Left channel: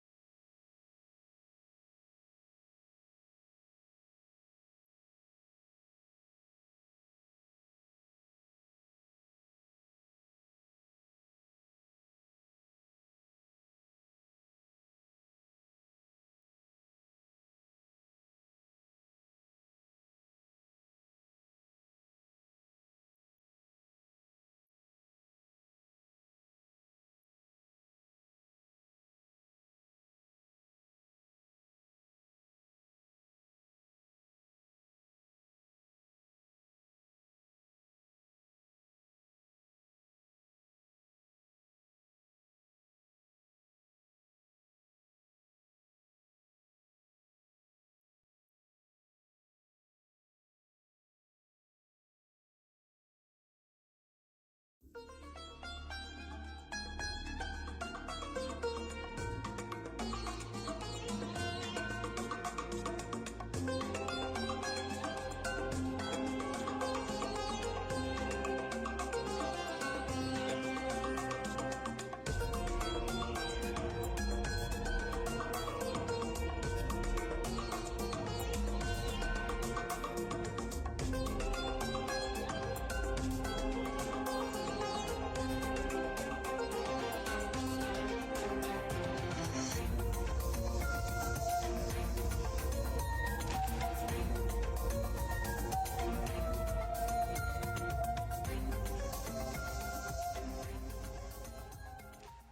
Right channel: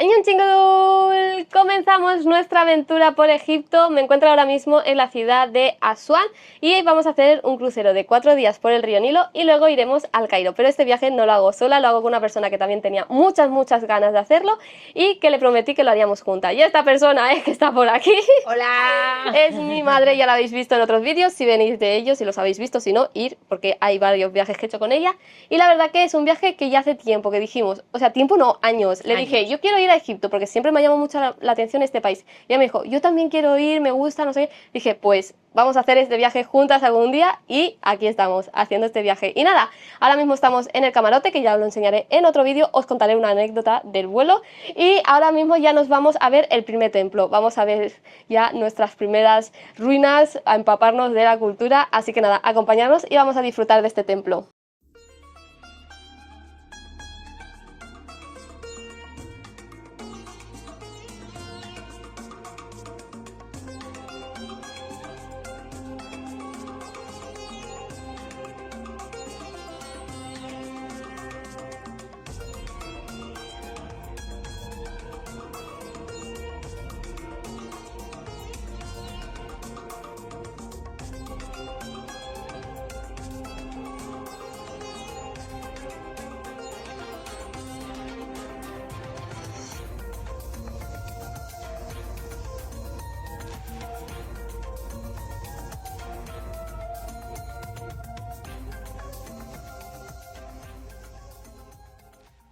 ¡Añón chingol! Comenzamos nuestra aventura por Egipto. Me encuentro ahora mismo en la ciudad de Asuán y vamos a hacer un crucero de 4 días por el río Nilo y luego iremos al Cairo. Pero este viaje no lo hago sola, lo hago con una persona que también tenía muchas ganas de hacerlo y que le prometí que lo haríamos juntas. Y esta persona es que está por aquí. ¡Hola! Es mi madre, ya la habéis visto en otros vídeos, si venís de ellos, si los habéis visto, si no, ir, porque hay varios viajes que he hecho con ella. Y la verdad que es un viaje que ya hace tiempo que dijimos, o sea, tiempo no, años. Le dije, yo quiero ir a Egipto porque siempre me ha llamado mucho la atención este país. Y ella me dijo, yo también quiero ir, me gusta, no sé qué. Dije, pues vamos a hacer este viaje juntas algún día y aquí estamos haciendo este viaje. Y nada, ahora mismo estamos en el camarote, que ya os lo enseñaré en otro vídeo, os contaré una anécdota del vuelo. Y ahora mismo ya nos vamos a ver el primer templo, vamos a ver ya nuestras primeras ruinas, a empaparnos de la cultura. Así que nada, acompañarnos y vamos a disfrutar de este templo.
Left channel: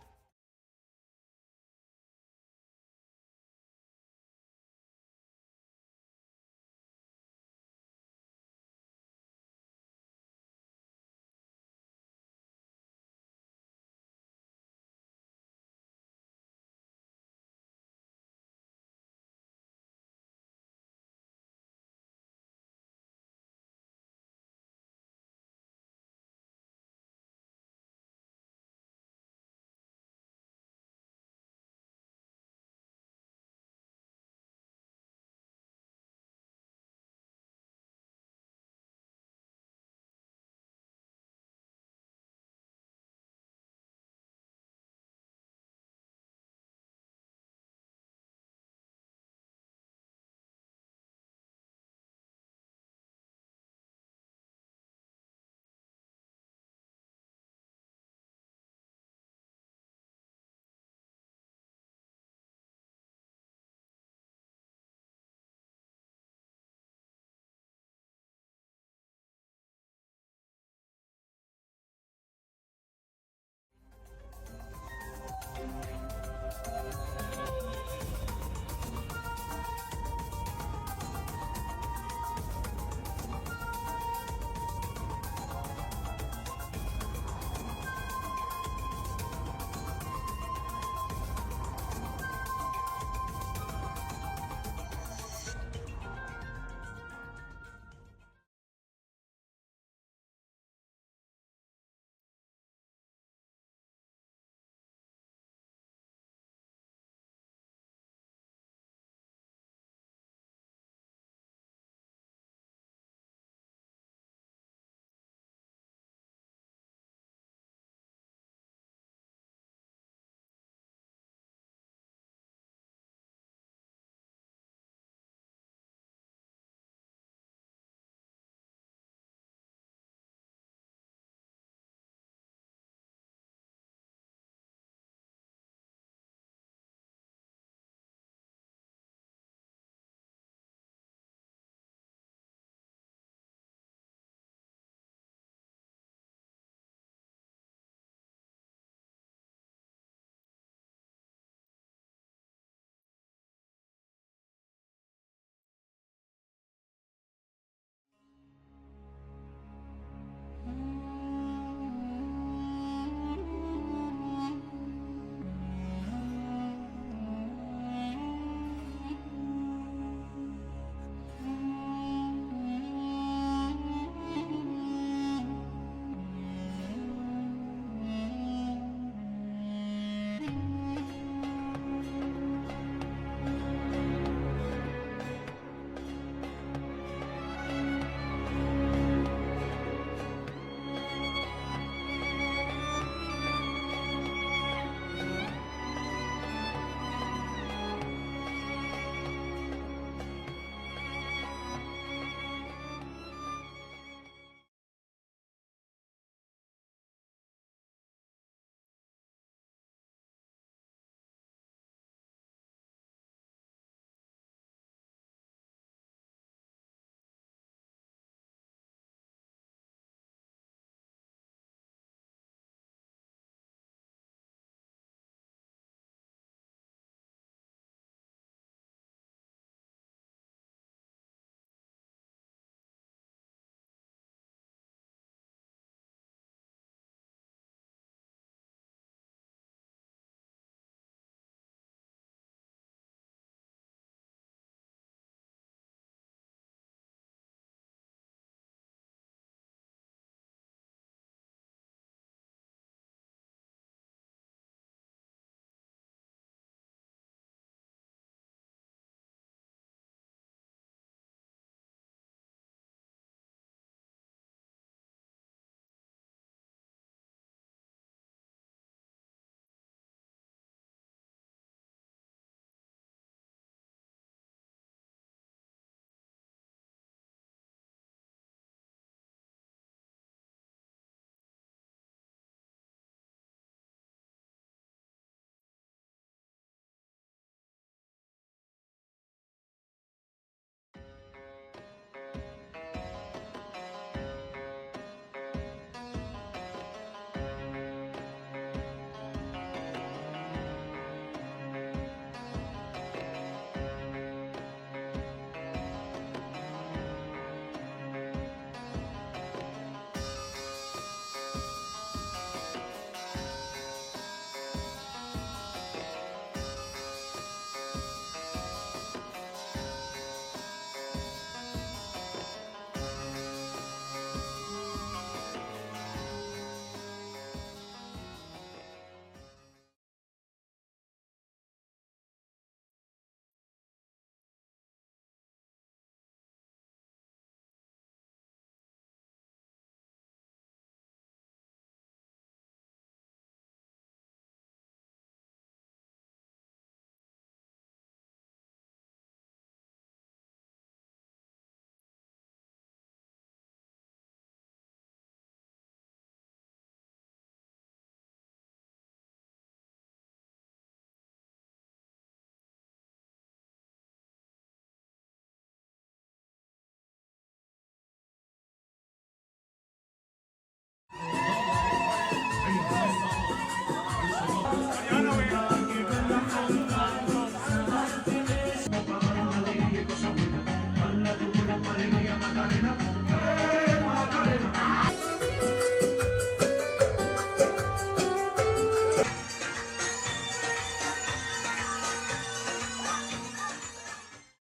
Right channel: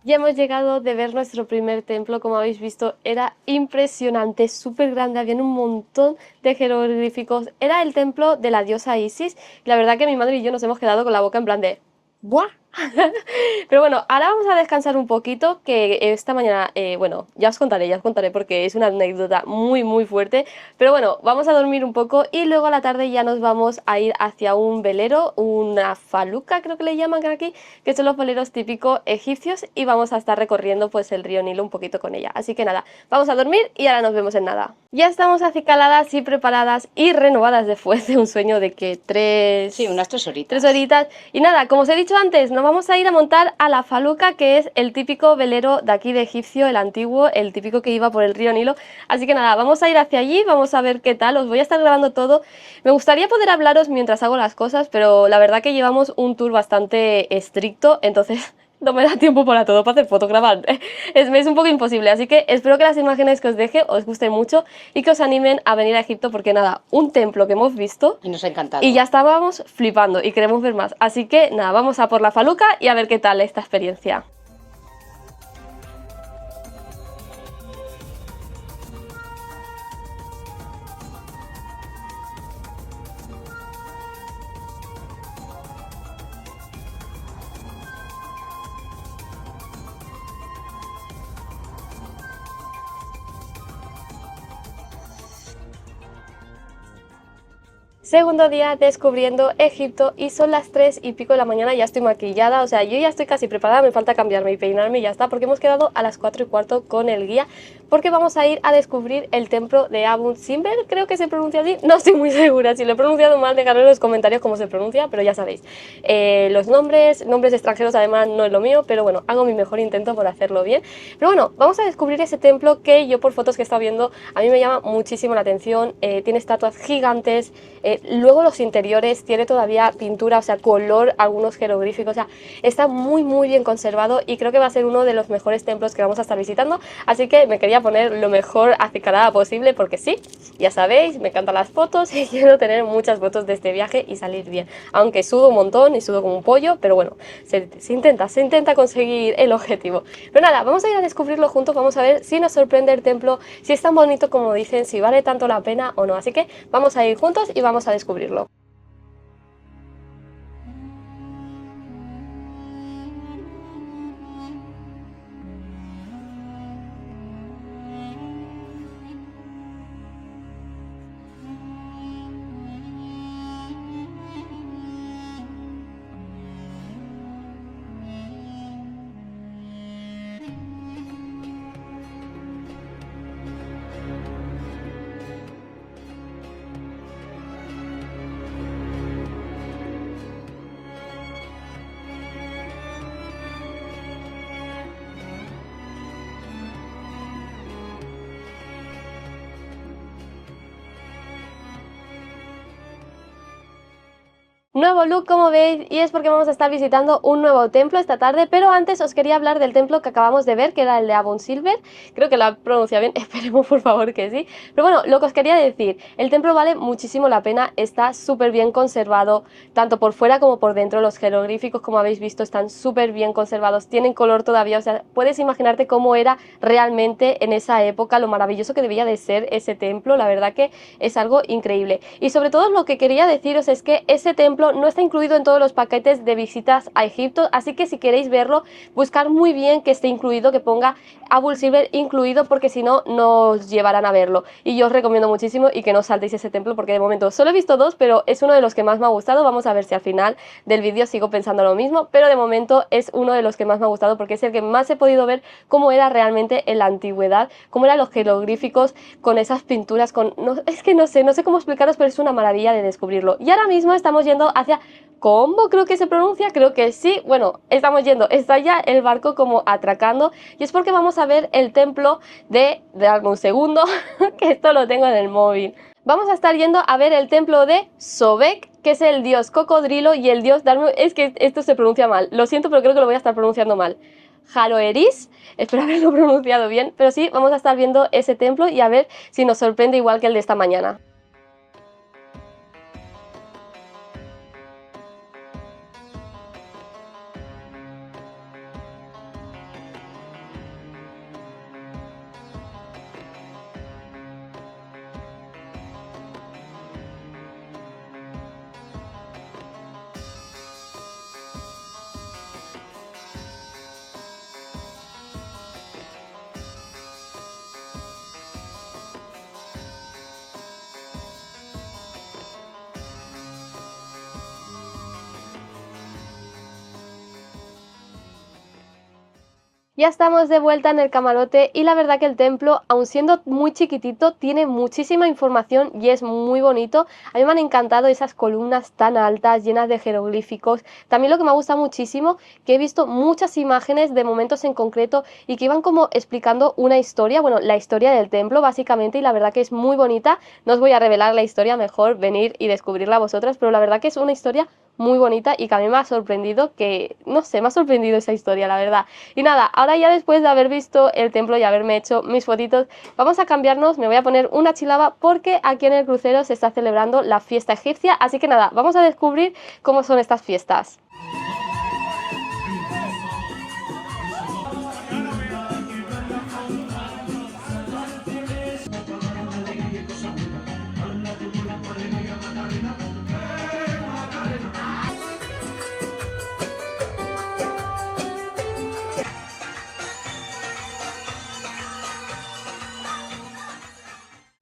Ya hemos llegado de ver nuestro primer templo, como habéis visto, era impresionante, súper grande, había un montón de jeroglíficos, era el templo de la diosa Isis, y la verdad que mi madre y yo nos hemos quedado con la boca en plan de ¡buah! Pero bueno, ahora vamos a descansar un poquito, que esta mañana, bueno, ya os contaré porque es una anécdota muy fuerte, pero bueno, vamos a dormir un poco y luego a la tarde ya nos vamos a ir hacia un velero, una faluca creo que le llaman aquí, que son los veleros típicos egipcios y vamos a estar recorriendo pues el río Nilo un poquito con ella, así que nada, vamos a dormir y ahora nos vemos en nada. Ya estamos acicaladas y preparadas y renovadas después de un sueño de que unas 3 horitas. 3 horitas. Y nada, como os he dicho antes, nos vamos a ir a montar a la faluca, que es el típico velero de aquí de Egipcio, el antiguo, el típico que iba por el río Nilo. Así que nada, vamos a ir hacia allí, vamos a ver qué tal, os voy a estar grabando todo. Me gustaría poder hablaros mientras hago las cosas, pero la verdad que llevamos un tour bastante estricto, entonces no me da tiempo para todo, para hacer fotos, grabar. Es un poco imposible, así que espero que las imágenes que os deje os gusten mucho y que os animen a venir a Egipto, porque nada, un templo que hemos visto y nos ha encantado. Y ya estábamos flipando y queremos ver más. Así que nada, vamos a por la faluca y a ver qué tal esta experiencia. Segundo día descubriendo Egipto y son las 3 y pico de la mañana, ya estoy maquillada, o sea, yo ya estoy casi preparada, me falta cambiarme y peinarme y ya está, porque hemos quedado a las 4 y cuarto con el guía, porque vamos a ir a descubrir el templo de Abu Simbel, creo que se pronuncia así, no estoy muy segura, si lo he pronunciado mal dejadme en los comentarios cómo se pronuncia, pero ya sabéis, los nombres extranjeros además no es lo mío, pero bueno, hago mi mejor intento por hacerlo bien. Pero bueno, vamos a descubrir ese templo que yo por fotos que he estado viendo, a mí me llama muchísimo la atención, tiene estatuas gigantes, luego los interiores tiene todavía pintura, o sea, color, algunos jeroglíficos, o sea, está muy bien conservado y creo que va a ser uno de los mejores templos que vamos a estar visitando, así que me quería poner lo mejor acicalada posible porque sí, ya sabéis, me encantan las fotos y quiero tener muchas fotos de este viaje y salir bien, aunque sudo un montón y sudo como un pollo, pero bueno, se intenta conseguir el objetivo. Pero nada, vamos a ir a descubrirlo juntos, vamos a ver si nos sorprende el templo, si es tan bonito como dicen, si vale tanto la pena o no, así que vamos a ir juntos y vamos a descubrirlo. Nuevo look, como veis, y es porque vamos a estar visitando un nuevo templo esta tarde, pero antes os quería hablar del templo que acabamos de ver, que era el de Abun Silver. Creo que lo he pronunciado bien, esperemos por favor que sí. Pero bueno, lo que os quería decir, el templo vale muchísimo la pena, está súper bien conservado, tanto por fuera como por dentro. Los jeroglíficos, como habéis visto, están súper bien conservados, tienen color todavía, o sea, puedes imaginarte cómo era realmente en esa época, lo maravilloso que debía de ser ese templo. La verdad que es algo increíble. Y sobre todo lo que quería deciros es que ese templo no está incluido en todos los paquetes de visitas a Egipto, así que si queréis verlo, buscar muy bien que esté incluido, que ponga Abul Silver incluido, porque si no, no os llevarán a verlo. Y yo os recomiendo muchísimo y que no saltéis ese templo, porque de momento solo he visto dos, pero es uno de los que más me ha gustado. Vamos a ver si al final del vídeo sigo pensando lo mismo, pero de momento es uno de los que más me ha gustado, porque es el que más he podido ver cómo era realmente en la antigüedad, cómo eran los jeroglíficos con esas pinturas, es que no sé cómo explicaros, pero es una maravilla de descubrirlo. Y ahora mismo estamos yendo hacia Combo, creo que se pronuncia, creo que sí. Bueno, estamos yendo, está ya el barco como atracando, y es porque vamos a ver el templo de un segundo, que esto lo tengo en el móvil. Vamos a estar yendo a ver el templo de Sobek, que es el dios cocodrilo y el dios es que esto se pronuncia mal, lo siento, pero creo que lo voy a estar pronunciando mal. Haroeris, espero haberlo pronunciado bien, pero sí, vamos a estar viendo ese templo y a ver si nos sorprende igual que el de esta mañana. Ya estamos de vuelta en el camarote y la verdad que el templo, aun siendo muy chiquitito, tiene muchísima información y es muy bonito. A mí me han encantado esas columnas tan altas, llenas de jeroglíficos. También lo que me gusta muchísimo, que he visto muchas imágenes de momentos en concreto y que iban como explicando una historia, bueno, la historia del templo básicamente, y la verdad que es muy bonita. No os voy a revelar la historia, mejor venir y descubrirla vosotras, pero la verdad que es una historia muy bonita y que a mí me ha sorprendido, que no sé, me ha sorprendido esa historia, la verdad. Y nada, ahora ya después de haber visto el templo y haberme hecho mis fotitos, vamos a cambiarnos, me voy a poner una chilaba porque aquí en el crucero se está celebrando la fiesta egipcia, así que nada, vamos a descubrir cómo son estas fiestas.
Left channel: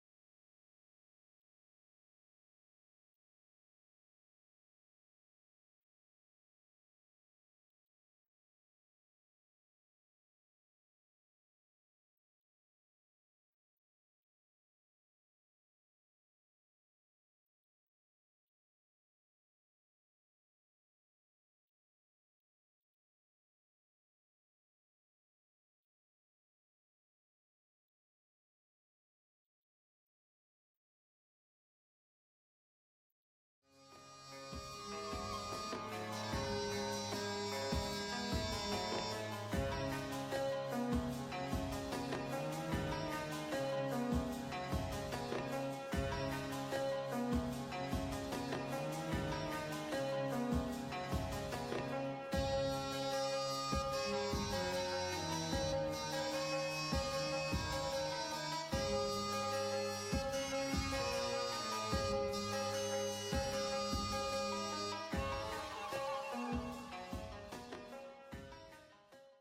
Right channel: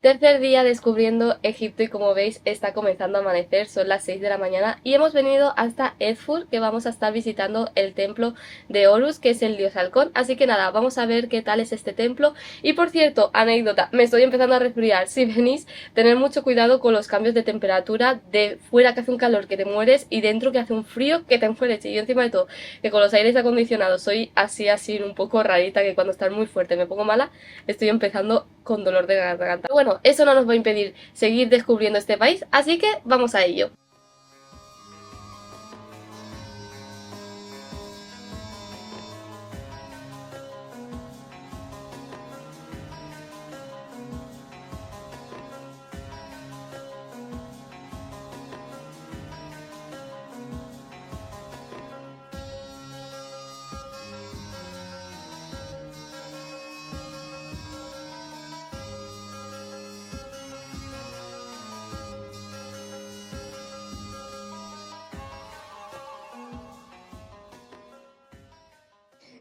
Tercer día descubriendo Egipto y como veis está comenzando a amanecer, son las 6 de la mañana y hemos venido hasta Edfur, que vamos a estar visitando el templo de Horus, que es el dios halcón, así que nada, vamos a ver qué tal es este templo. Y por cierto, anécdota, me estoy empezando a resfriar, si venís, tener mucho cuidado con los cambios de temperatura, de fuera que hace un calor que te mueres y dentro que hace un frío que te enfueres, y yo encima de todo, que con los aires acondicionados soy así un poco rarita, que cuando está muy fuerte me pongo mala, estoy empezando con dolor de garganta. Bueno, eso no nos va a impedir seguir descubriendo este país, así que vamos a ello.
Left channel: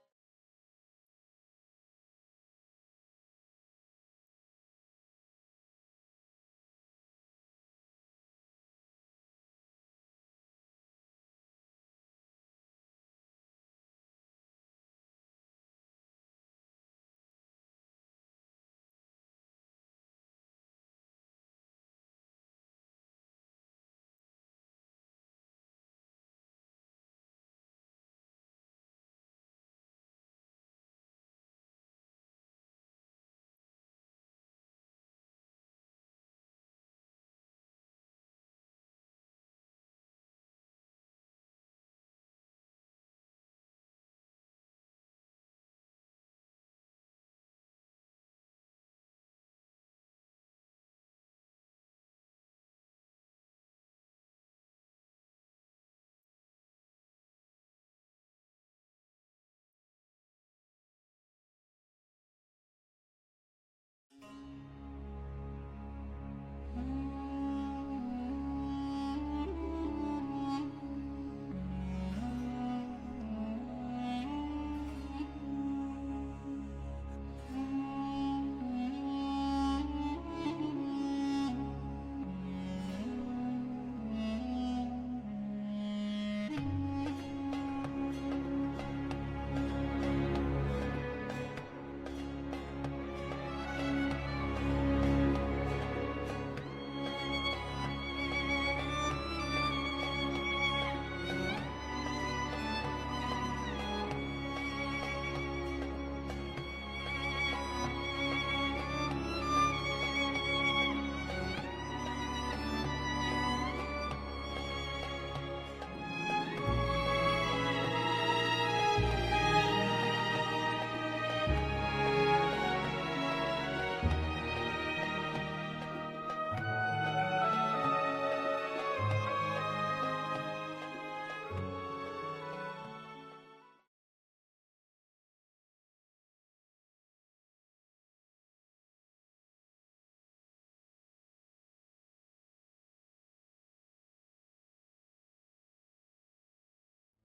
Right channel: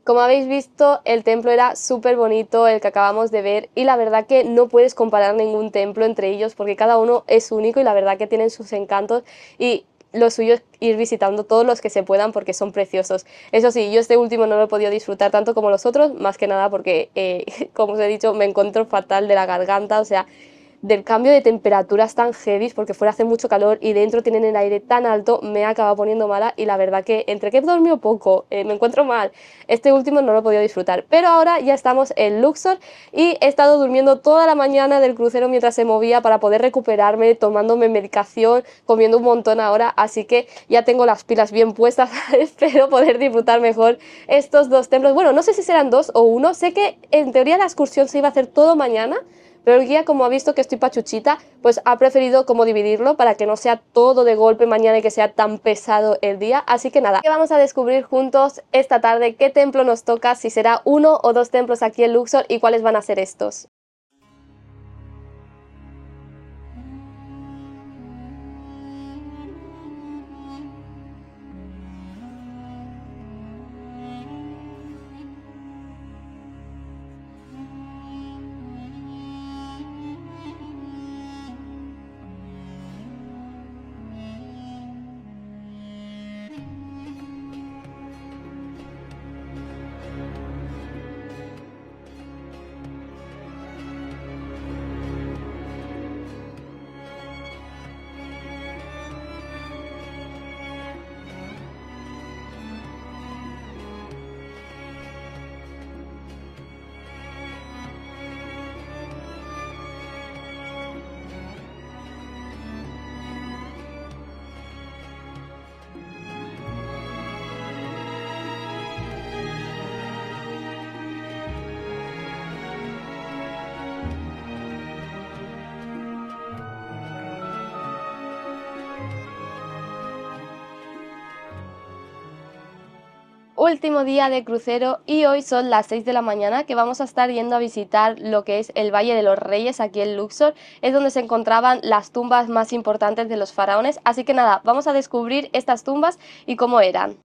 Como habéis visto, el templo era súper bonito, el que acabamos de ver, y la verdad que no puedes comparar ningún templo entre ellos porque cada uno es único y la verdad que tienen sus encantos, y lo suyo es ir visitando todos los que se puedan porque son preciosos. Eso sí, yo este último no lo he podido disfrutar tanto como los otros, más que nada porque, como os he dicho, me encuentro fatal de la garganta, o sea, del cambio de temperaturas tan heavy, porque fuera hace mucho calor y dentro tienen el aire tan alto, me he acabado poniendo mala y la verdad que entre que he dormido poco, me encuentro mal, este último no lo he podido disfrutar. Pero ahora ya estamos en Luxor y he estado durmiendo toda la mañana del crucero mientras se movía para poder recuperarme, tomándome medicación, comiendo un montón ahora, así que ya tengo las pilas bien puestas. Espero poder disfrutar mejor estos dos templos. Bueno, no sé si serán dos o uno, sé que en teoría la excursión se iba a hacer todo mañana, pero el guía, como ha visto que estoy pachuchita, pues ha preferido como dividirlo para que no sea todo de golpe mañana y que sea tan pesado el día. Así que nada, que vamos a descubrir juntos esta tarde qué templo nos toca, si será uno o dos templos aquí en Luxor y cuáles van a ser estos. Último día de crucero y hoy son las 6 de la mañana que vamos a estar yendo a visitar lo que es el Valle de los Reyes aquí en Luxor. Es donde se encontraban las tumbas más importantes de los faraones, así que nada, vamos a descubrir estas tumbas y cómo eran.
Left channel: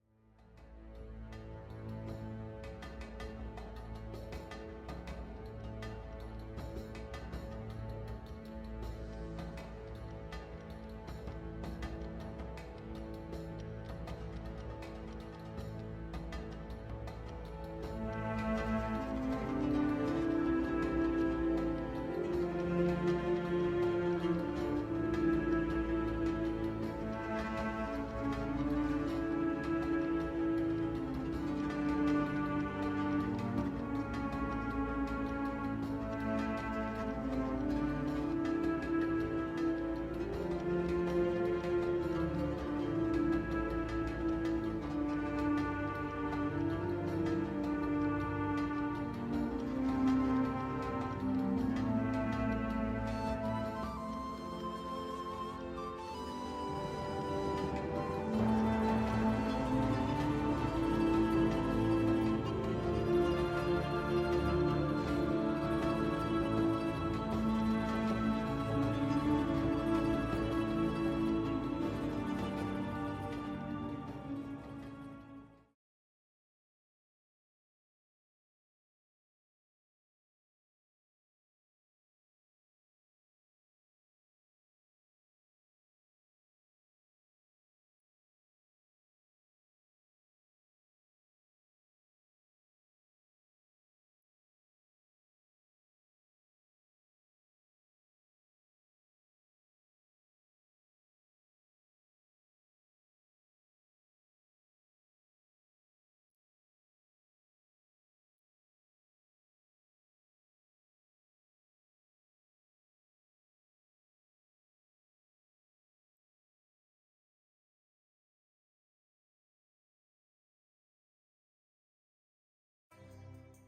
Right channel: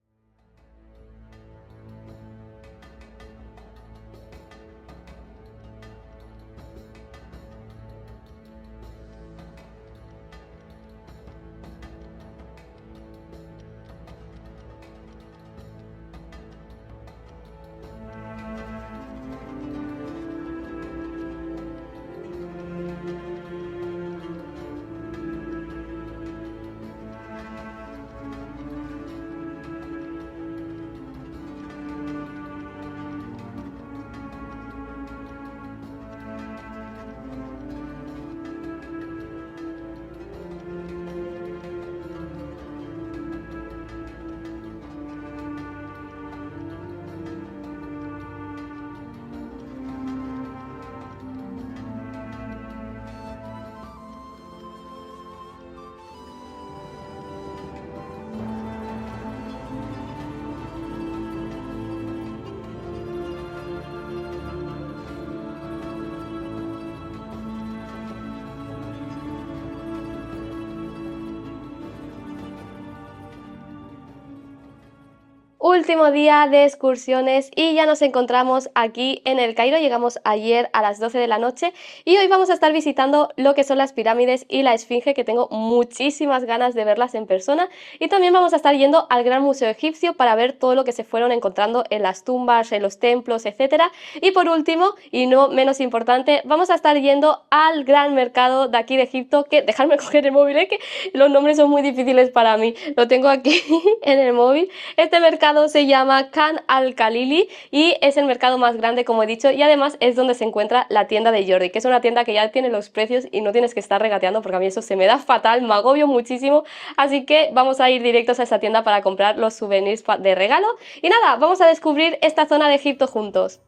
Último día de excursiones y ya nos encontramos aquí en el Cairo. Llegamos ayer a las 12 de la noche y hoy vamos a estar visitando lo que son las pirámides y la Esfinge, que tengo muchísimas ganas de verlas en persona, y también vamos a estar yendo al Gran Museo Egipcio para ver todo lo que se fueron encontrando en las tumbas, en los templos, etcétera. Y por último, y no menos importante, vamos a estar yendo al gran mercado de aquí de Egipto, que dejadme coger el móvil, que los nombres son muy difíciles para mí, lo tengo aquí en el móvil. Este mercado se llama Khan al-Khalili y es el mercado más grande, como he dicho, y además es donde se encuentra la tienda de Jordi, que es una tienda que ya tiene los precios y no tienes que estar regateando, porque a mí eso se me da fatal, me agobio muchísimo, así que vamos a ir directos a esa tienda para comprar los souvenirs de regalo. Y nada, vamos a descubrir esta zona de Egipto juntos.